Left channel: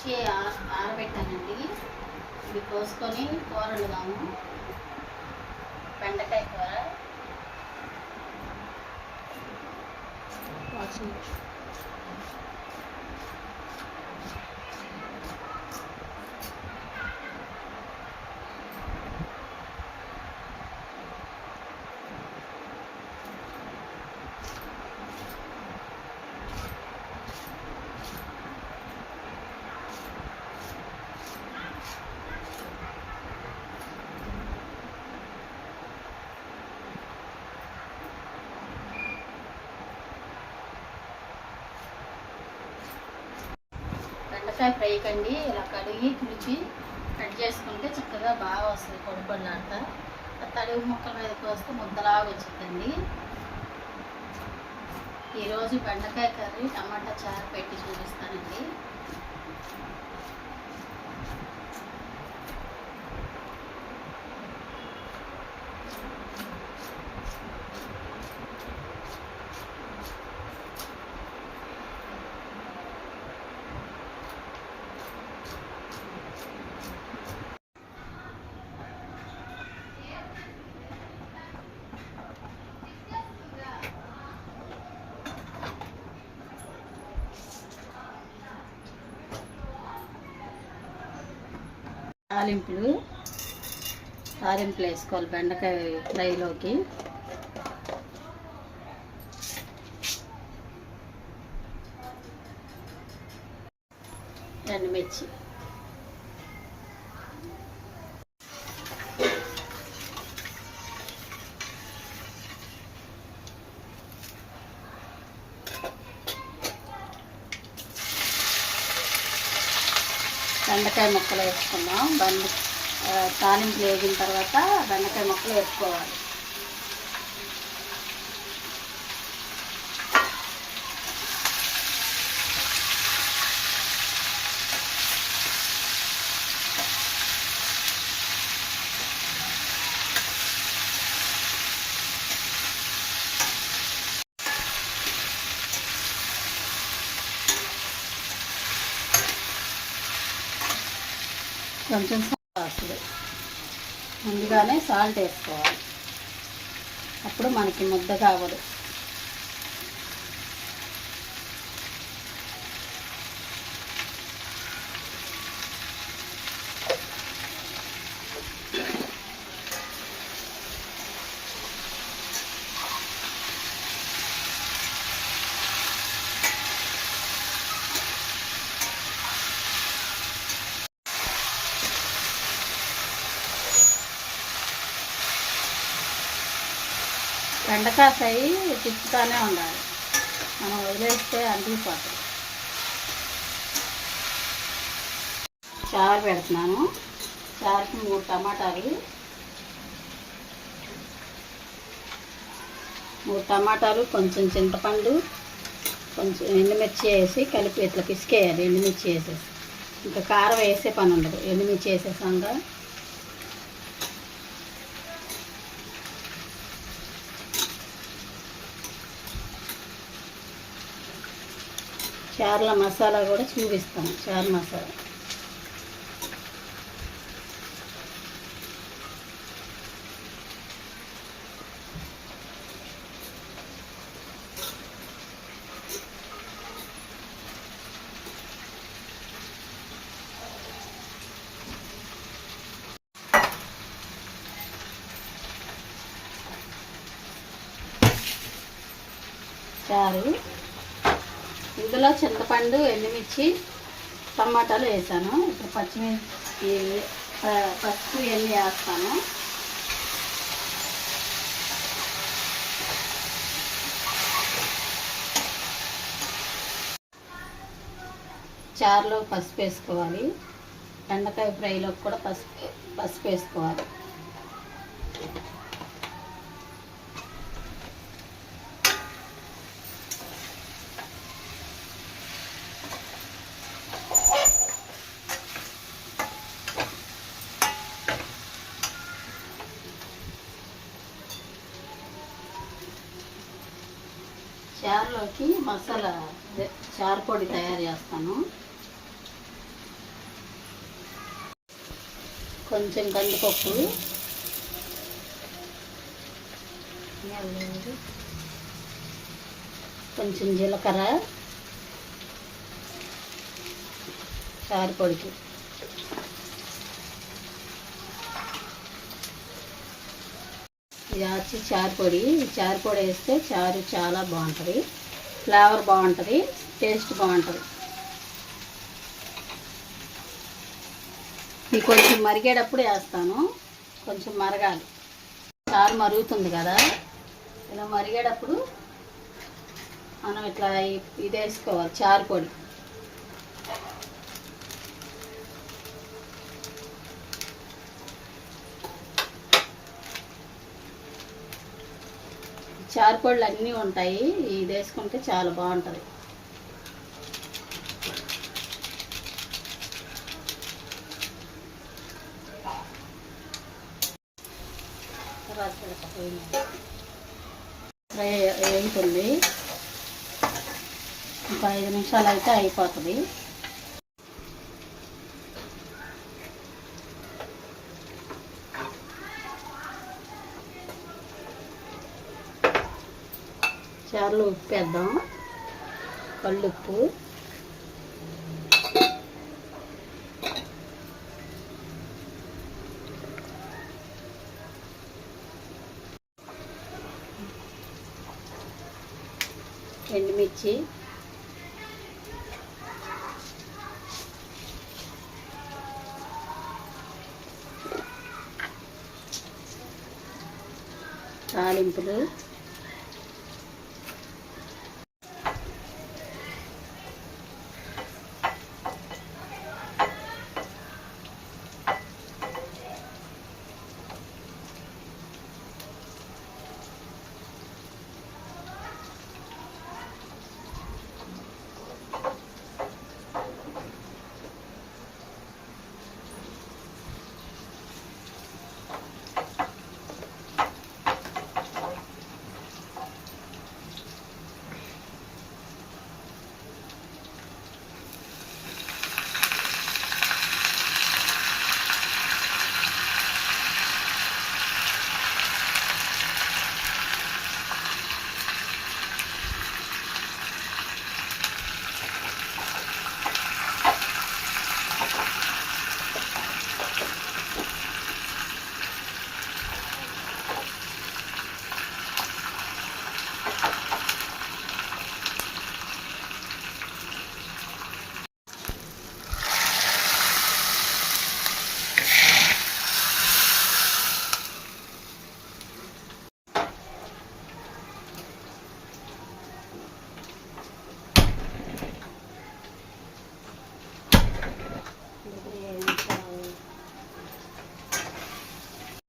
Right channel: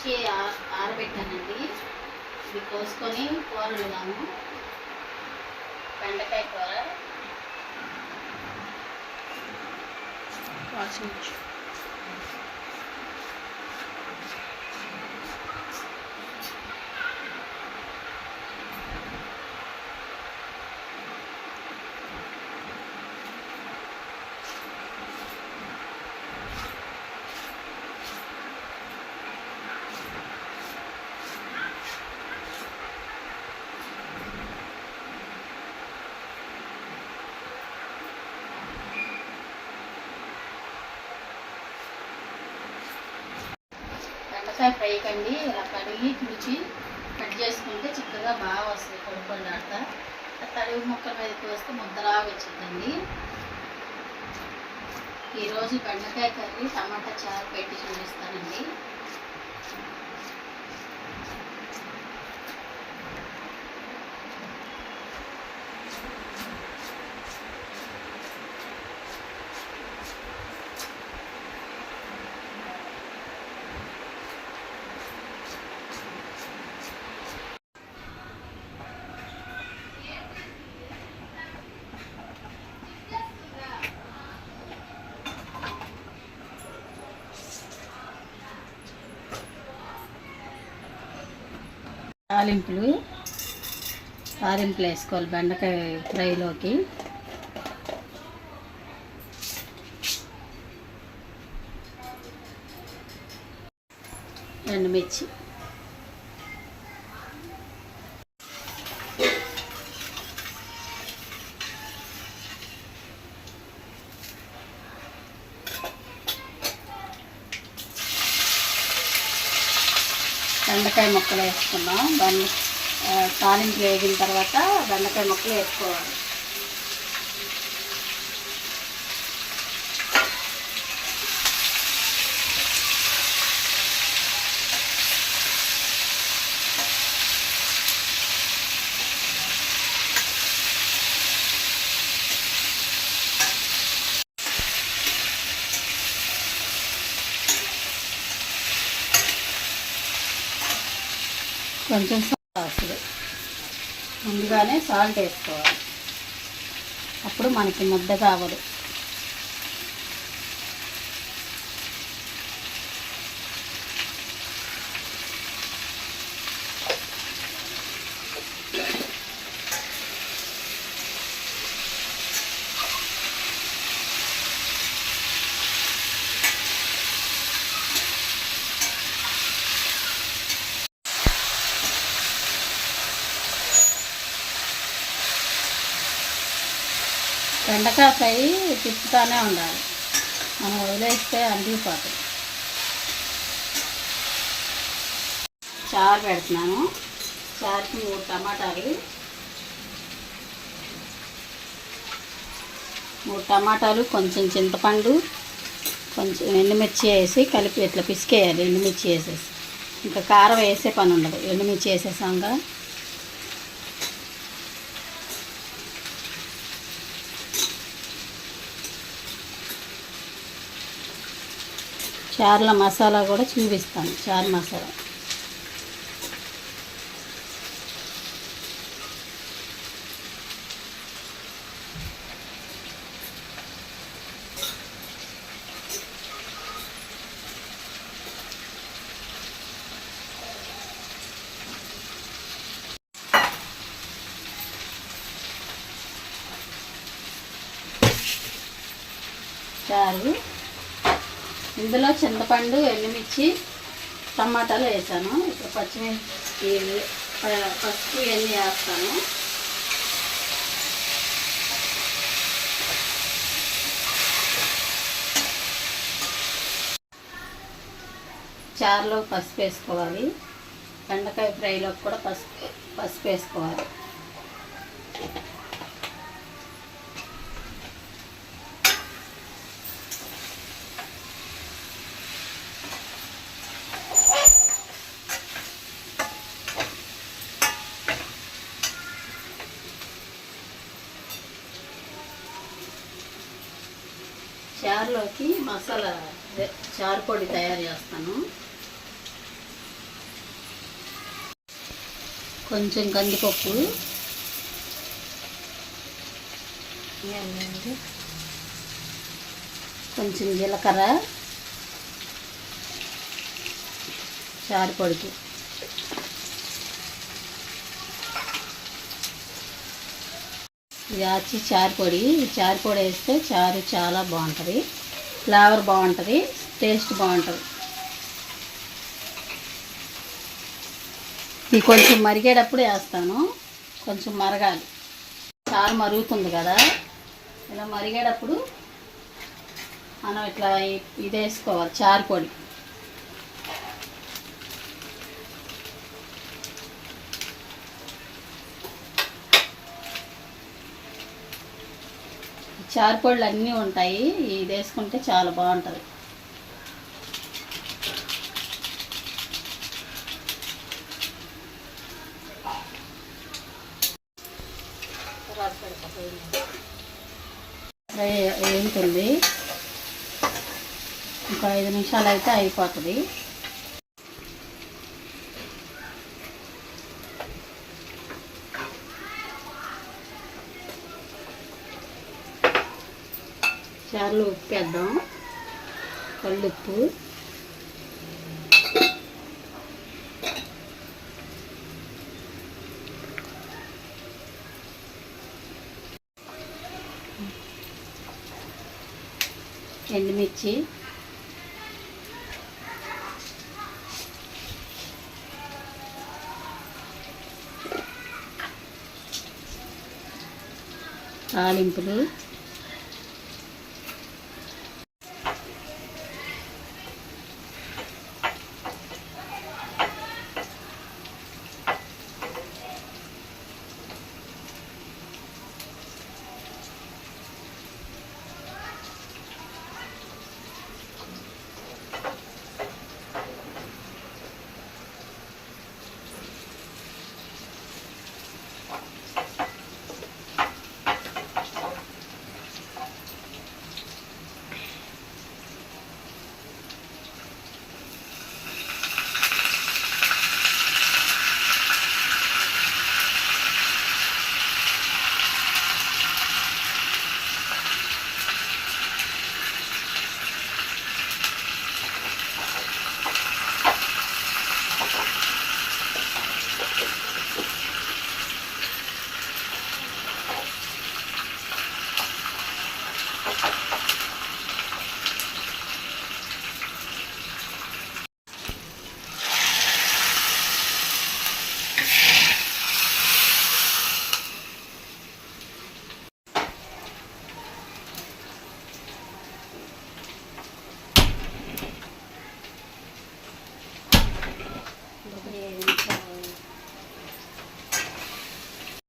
తెచ్చి ఆ- ఆరబెట్టానండి. ఇది కోసుకొని కూర కూరలుగాను బెండకాయ కూర. వాచించు బెండకాయ ఫ్రై కండి ఇలా కడిగి తుడిచి కట్ చేసుకుంటే చక్కగా బాగా వస్తుంది పొడిపొడిలాట తడివి ముక్కల మీద కోస్తే ముద్దలాగా వచ్చిందండి. ఈరోజు బెండకాయ కర్రీ టమాటా చారు పెట్టి చూపిస్తానండి. తాలింపులు తాలింపులు వేసుకోవాలి బెండకాయ ఫ్రైలోకి. ఎండుమిర్చి. బెండకాయ ముక్కలు వేసుకున్నాం. బెండ తాలింపు వేగిన తర్వాత బెండకాయ ముక్కలు వేసుకోవాలి. కొంచెం సాల్ట్ ముందుగానే సాల్ట్ వేసుకోవాలి. అప్పుడు మనకి ముద్ద కావదు బెండకాయ ఫ్రై తిప్పుతానే ఉండాలి. మనం వదిలేస్తే అంటిపోతుంది చారు పెడుతున్నాను. చారుకి మూడు టమాటాలు. మూడు టమాటాలు కొంచెం చింతపండు కొంచెం ఎండుమిర్చి వేసి కలిపి ఇట్లా పిసికేయాలి ఎండుమిర్చి వేసేసి. ఇంకా కారం వేసే పని ఉండదు. ఎండుమిర్చి వేసేసాక చార్ల మసాలా కూడా చూపిస్తాను చార్ మసాలా. చారు ఇందులో చింతపండు ఎండుమిర్చి టమాటాలు వేసాను. ఇప్పుడు పచ్చిమిర్చి ప- పసుపు ఇవన్నీ వేస్తాను. చారులో పసుపు వేసుకోవాలి. బెండకాయ ఫ్రైలో కూడా పసుపు పసుపు వేసుకోవాలి. చారులోకి మసాలా చారు పొడి తయారు చేస్తాను. కొంచెం కందిపప్పు. కొంచెం జీలకర్ర. చారు పొడికి. ఇది వచ్చి చారు పొడి. చారు పొడి వేస్తే చారు చాలా బాగుంటుంది. ఫ్లేవర్ బాగుంటుంది. టేస్ట్ బాగుంటుంది. ఇది కొంచెం మరిగేటప్పుడు వేస్తాను. కొంచెం మరగాలి. చారు మరుగుతుంది కదా. ఇలా మరిగేటప్పుడు మనం ఇట్లా ఇది వేసుకోవాలి. చారు చారుపళ్ళు అన్నీ ఉంటాయి. ఇది వేసుకుంటే చాలా బాగుంటుంది. ఫ్రై వేగుతుంది ఇంకో ఐదు నిమిషాలు అయితే అయిపోతుంది. చారులో ఉప్పు వేద్దాం కల్లుప్పు. ఎండుమిర్చి. తాలింపులు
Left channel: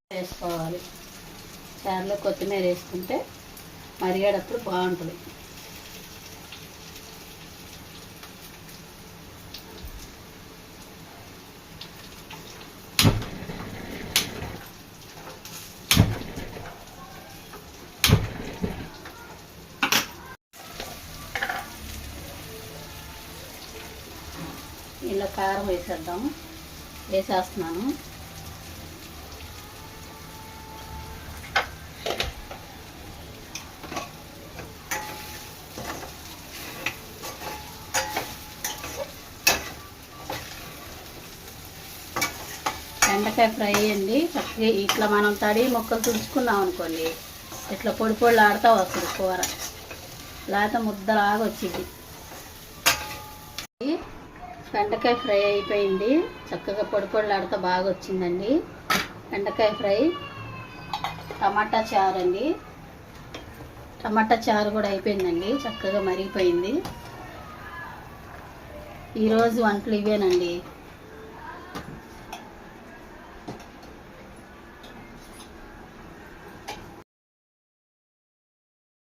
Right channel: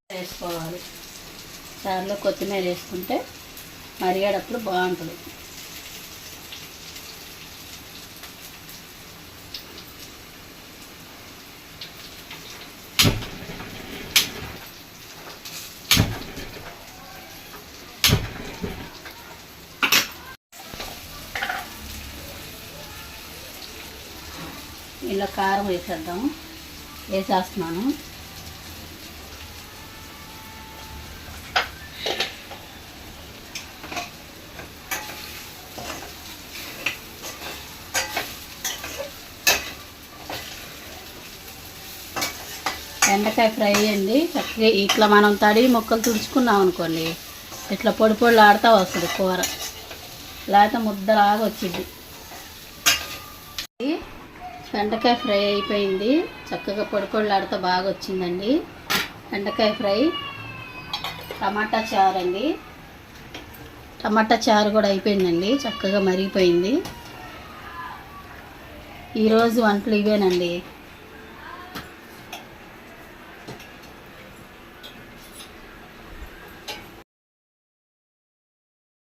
వేసుకోవాలి చారులో కొత్తిమీర వేసుకుంటే మరిగేటప్పుడు బాగుంటుంది. ఇలా కారం వేసేద్దాం వేసేస్తున్నాను. బెండకాయ ఫ్రై అండి. చక్కగా ఇట్లా మనం తడి ముక్కలు తుడుచుకున్నాం అనుకోండి ఇట్లా పొడి పొడి ఆడుతూ వస్తుంది కూర. లేకపోతే ముద్దలాగా వచ్చింది. బెండకాయ ఫ్రై అయిపోయింది. చక్కగా పొడి పొడి బాగా వచ్చిందండి. బెండకాయ ఫ్రై టమాటా చారు అండి. టమాటా చారు కూడా అయిపోయిందండి. చక్కగా మరిగిపోయింది. ఈరోజు వంటలు ఇవేనండి.